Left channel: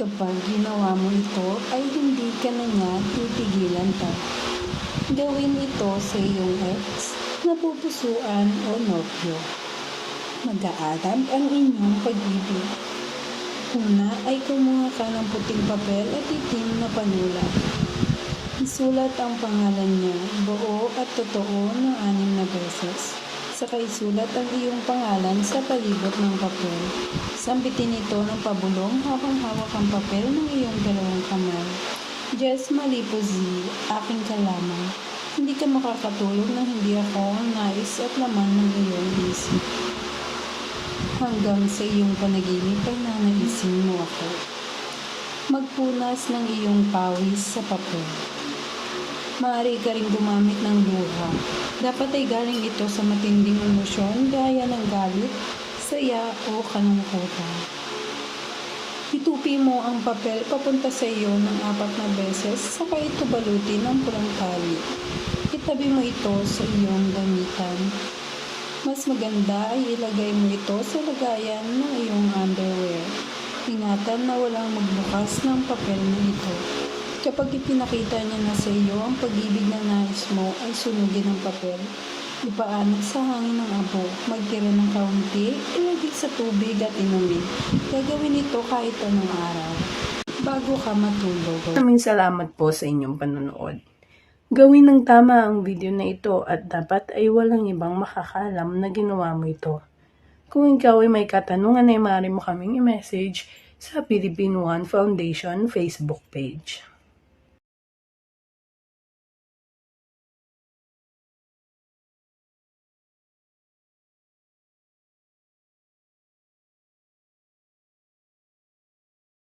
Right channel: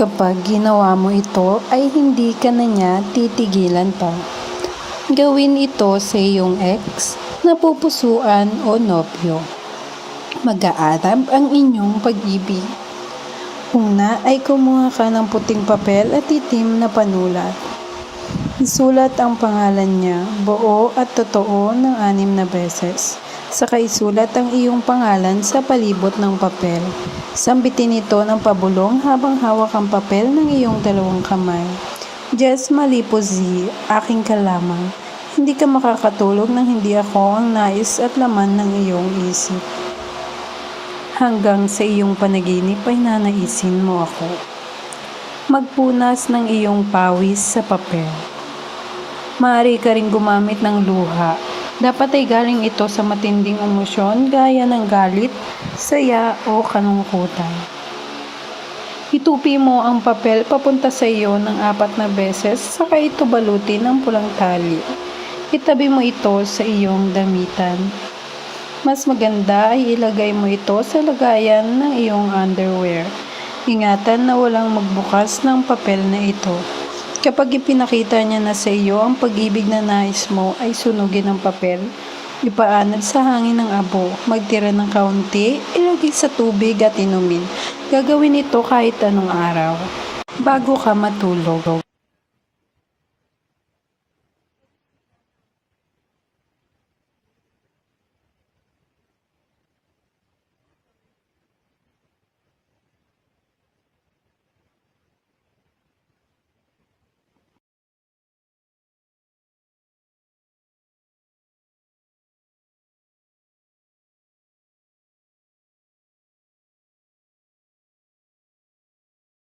Kapag ginawa mo ito ay hindi ka na niya titigilan pa. Gawin ito sa iyong ex, napupusuan o nobyo. Mag-aarab ang inyong pag-ibig. Una ay kumuha ka ng puting papel at itim na panulat. Isulat ang pangalan niya, buo at totoo ng 6 na beses. Saka isulat ang iyong pangalan sa palibot ng papel. Sambitin ito ng pabulong habang hawak ang papel ng iyong 2 kamay. Jess Malipo Z, aking ka lamang. Hindi ka makakatulog nang hindi ako ang nais at laman ng iyong isip. Hanggang sa iyong panaginip ay nanaisin mo ako. Magpunas ng iyong pawis sa papel. Maaari ka rin gumamit ng luha. Dapat ay galing ito sa matinding emosyon gaya ng galit, saya o kalungkutan. Itupi mo ang papel papunta sa iyo ng 4 na beses, saka ito balutin ng pulang tali. Itabi mo ito sa iyong damitan. Mas maganda ay ilagay mo ito sa lagayan ng iyong underwear. Ingatan na walang magbukas ng papel na ito. Kapag ipinakita niya na sa iyo ang pag-ibig na nais mo ay sunugin ang papel. Ipaanod sa hangin ng abo, magtira ng kaunti, ilagay sa tubig at inumin. Gagawin ito kahit anong araw, bago ka matulog. Maraming salamat po sa inyong panonood. Gawin ng tama ang video na ito at dapat ay walang ibang makakalam na ginawa mo ito. Kung ikaw ay may katanungan ay maaari mo kaming i-message sa Philippine One Foundation Facebook page.